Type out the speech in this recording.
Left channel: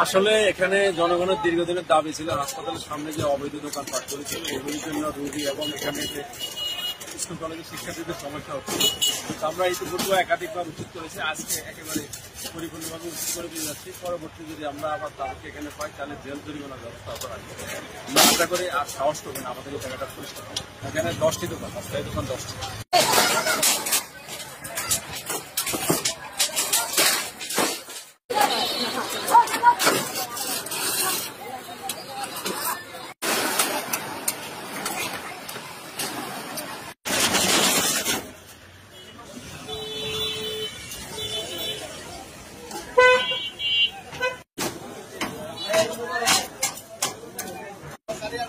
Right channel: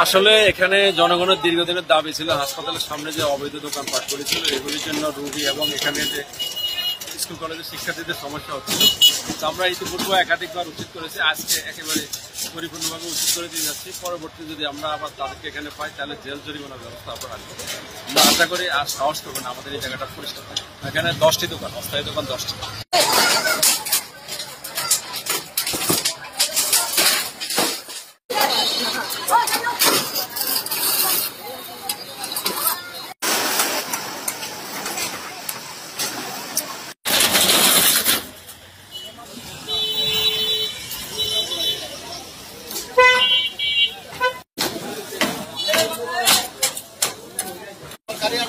আসলে এখানে জনগণের দীর্ঘদিনের দাবি ছিল হাসপাতালের সামনে যে অবৈধ দোকানপাট করেছিল এগুলির জন্য রোগী এবং এখানে যে স্কুল কলেজের শিক্ষার্থীদের সমস্যা হচ্ছিল। তো আমরা ইতিপূর্বে একাধিকবার উচিত করেছি, আজকে একেবারে পরিপূর্ণভাবে উচিত করে দিয়ে যাচ্ছি। পরবর্তী যদি আমরা আবার তাদেরকে এখানে পাই তাহলে জেল জরিমানার ব্যবস্থা আমরা রাখবো। আমরা আশা করি আর সাহস করবেন আমাদের এই জায়গাটা পরিষ্কার থাকে। এখানে 10টি দোকান, অস্থায়ী দোকান 10টি। Kalian